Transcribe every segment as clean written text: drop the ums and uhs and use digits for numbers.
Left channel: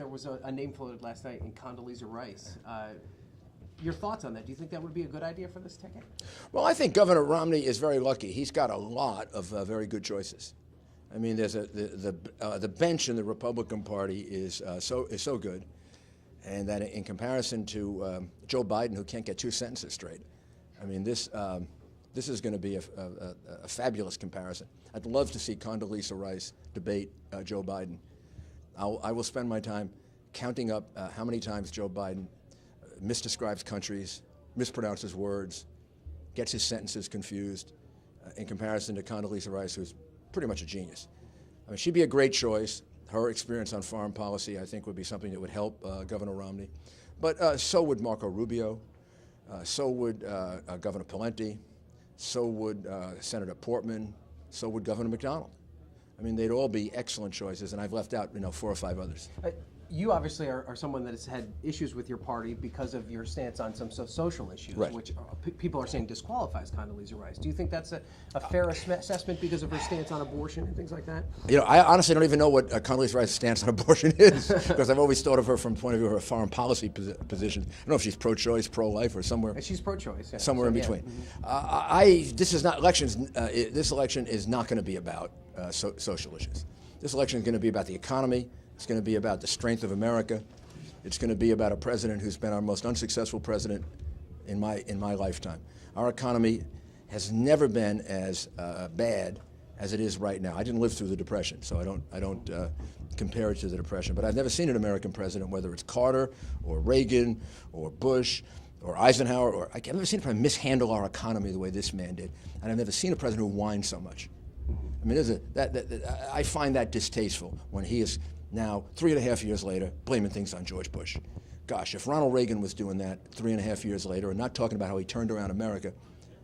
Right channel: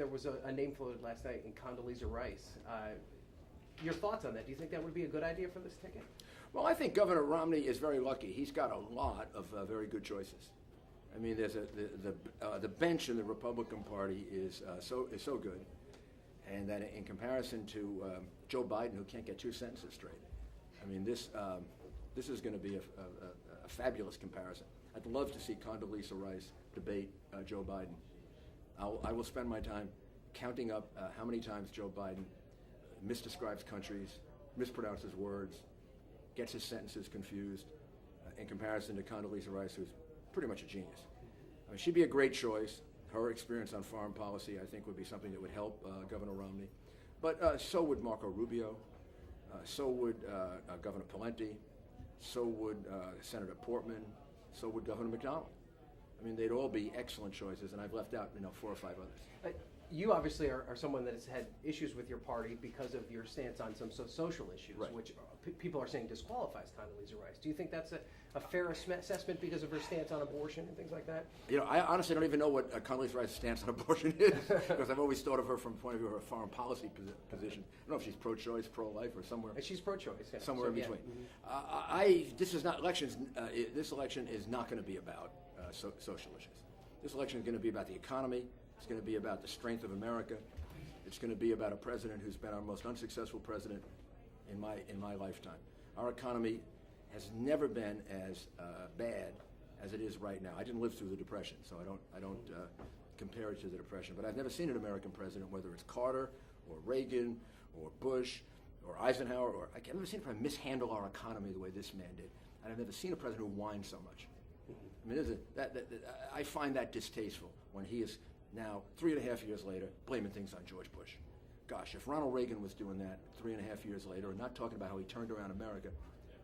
there was a name floated last night in Condoleezza Rice. Your thoughts on that? Do you think that would be a good idea for this ticket? Well, I think Governor Romney is very lucky. He's got a lot of very good choices. I mean, there's the bench in the Republican Party is so good, and that in comparison to Joe Biden, who can't get two sentences straight, I mean, this is going to be a fabulous comparison. I'd love to see Condoleezza Rice debate Joe Biden. I will spend my time counting up how many times Joe Biden misdescribes countries, mispronounces words, gets his sentences confused, in comparison to Condoleezza Rice, who's pretty much a genius. I mean, she'd be a great choice. Her experience on foreign policy, I think, would be something that would help Governor Romney. But so would Marco Rubio, so would Governor Pawlenty, so would Senator Portman, so would Governor McDonnell. I mean, they'd all be excellent choices, and I've left out, 4 or 5 others. You obviously are someone that has had issues with your party because of your stance on some social issues, right, which people are saying disqualifies Condoleezza Rice. Do you think that's a fair assessment because of her stance on abortion and things like that? I honestly don't even know what Condoleezza Rice's stance on abortion is, because I've always thought of her from the point of view of her foreign policy position. I don't know if she's pro-choice, pro-life, or somewhere. She's pro-choice, yeah. Somewhere in between. This is not elections. This election is not going to be about social issues. This election is going to be about the economy. It's going to be about the strength of America. It's going to be about a president who's been our most unsuccessful president in my lifetime. Our economy has never been as bad as it is right now. I didn't live through the Depression, so I don't compare it to the Depression. But I've never seen an American president, whether it's Carter or Reagan or Bush or Eisenhower, or I've never seen a president mishandle our economy the way this man did. And I've never seen a president who whined so much. I mean, I find that distasteful when he is now, 3.5 years later, blaming things on George Bush. Gosh, if Ronald Reagan was doing that 3.5 years later and not talking about how he turned around America,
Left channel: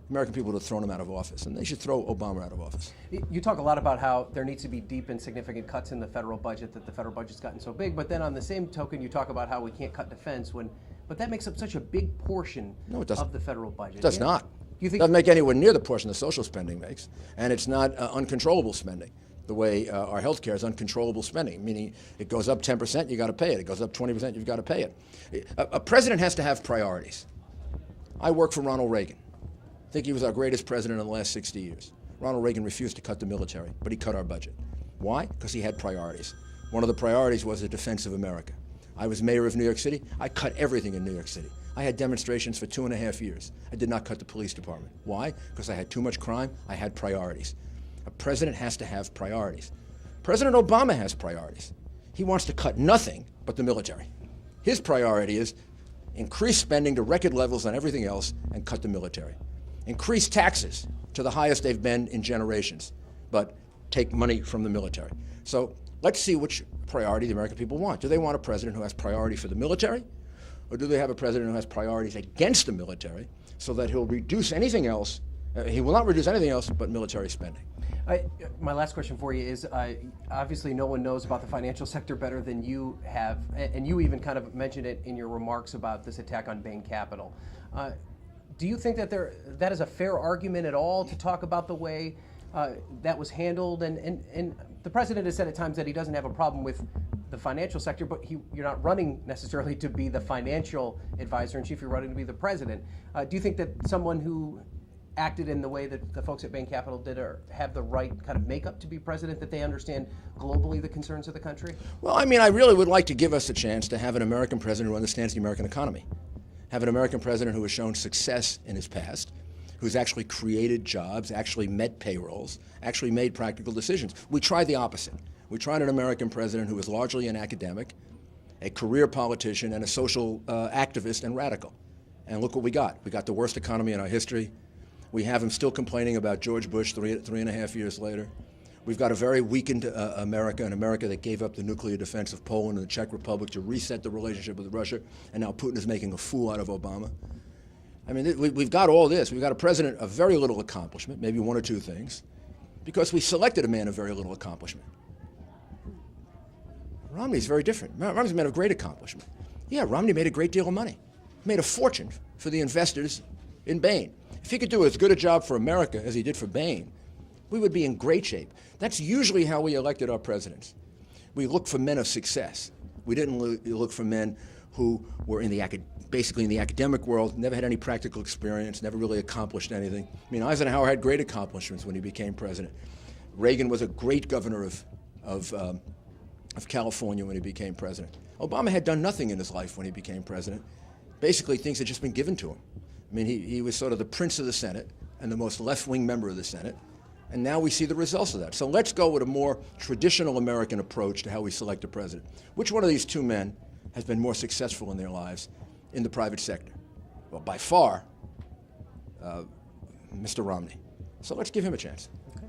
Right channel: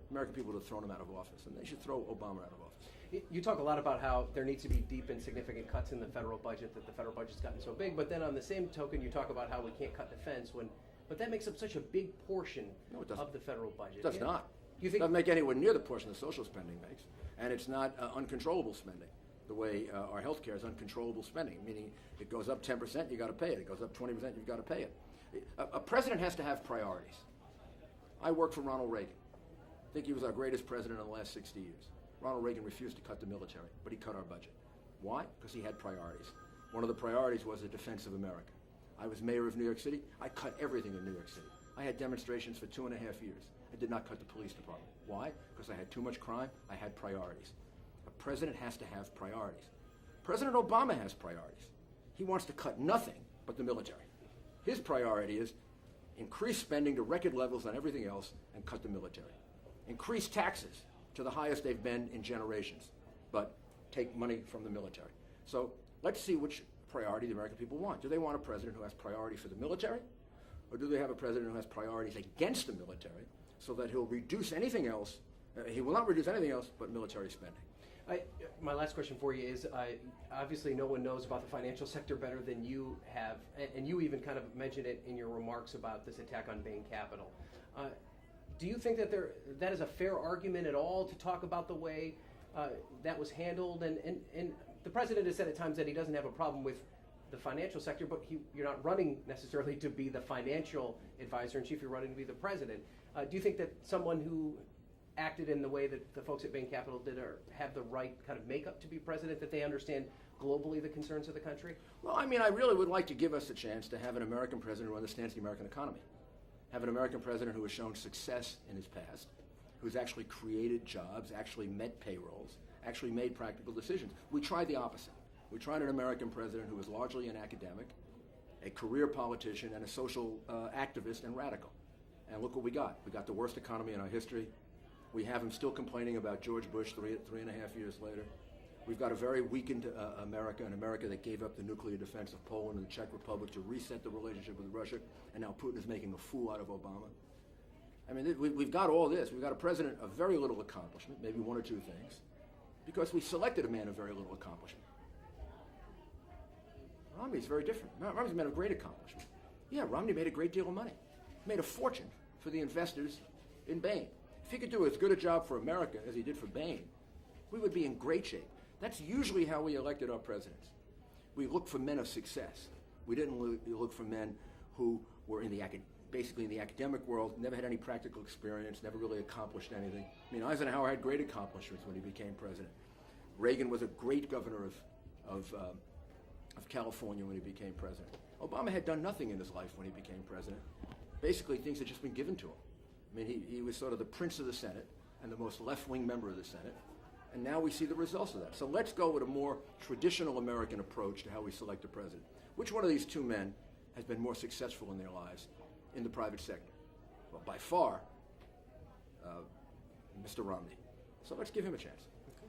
American people would have thrown him out of office, and they should throw Obama out of office. You talk a lot about how there needs to be deep and significant cuts in the federal budget, that the federal budget's gotten so big, but then on the same token, you talk about how we can't cut defense, but that makes up such a big portion of the federal budget. It does not. You think it doesn't make anywhere near the portion the social spending makes, and it's not uncontrollable spending. The way our health care is uncontrollable spending, meaning it goes up 10%, you got to pay it. It goes up 20%, you've got to pay it. A president has to have priorities. I worked for Ronald Reagan. I think he was our greatest president in the last 60 years. Ronald Reagan refused to cut the military, but he cut our budget. Why? Because he had priorities. One of the priorities was the defense of America. I was mayor of New York City. I cut everything in New York City. I had demonstrations for 2.5 years. I did not cut the police department. Why? Because I had too much crime. I had priorities. A president has to have priorities. President Obama has priorities. He wants to cut nothing but the military. His priority is increase spending to record levels on everything else and cut the military. Increase taxes to the highest they've been in generations, but take money from the military. So let's see which priority the American people want. Do they want a president who has priority for the military, or do they have a president who has priorities against the military so that he'll reduce anything else? He will not reduce anything else but military spending. My last question for you is, obviously no one knows about the financial sector better than you have, and you even kind of mentioned it in your remarks about this attack on Bain Capital. Do you think that that is a fair argument at all to talk about the way that was handled? And the president has said at times that he doesn't have a problem with the financial sector, but you're not running necessarily to be the financial advisor in chief, you're running to be the president. Do you think that someone who acted in the way that the folks at Bain Capital did have the right kind of makeup to be president, that they understand globally the concerns of the country? Well, I mean, I really would like to give us a chance to have an American president who understands the American economy, have an American president who has shown success in his past, who's actually created jobs, actually met payrolls, actually made practical decisions. We tried the opposite. We tried an American president who was largely an academic, a career politician, and a social activist and radical. And look what we got. We got the worst economy in our history. We have him still complaining about George Bush 3.5 years later. We've got a very weakened America, an America that gave up the nuclear defense of Poland and the Czech Republic to reset the relationship with Russia, and now Putin is making a fool out of Obama. I mean, we've got all this. We've got a president of very little accomplishment, maybe 1 or 2 things, because we selected a man of very little accomplishment. Romney's very different. Romney's a man of great accomplishment. Yeah, Romney made a great deal of money. He made a fortune for the investors in Bain. If he could do as good a job for America as he did for Bain, we would be in great shape. That's usually how we elected our presidents. We look for men of success. We didn't look for men who were basically in the academic world, never had any practical experience, never really accomplished anything. I mean, Eisenhower had great accomplishments when he became president. Reagan was a great governor of California when he became president. Obama had done nothing in his life when he became president. Basically, things had just been given to him. I mean, he was sort of the prince of the Senate and the most left-wing member of the Senate. And now we see the results of that. So let's go with a more traditional American approach to how we select a president. Which one of these two men has been more successful in their lives in the private sector? Well, by far, Mr. Romney. So let's give him a chance.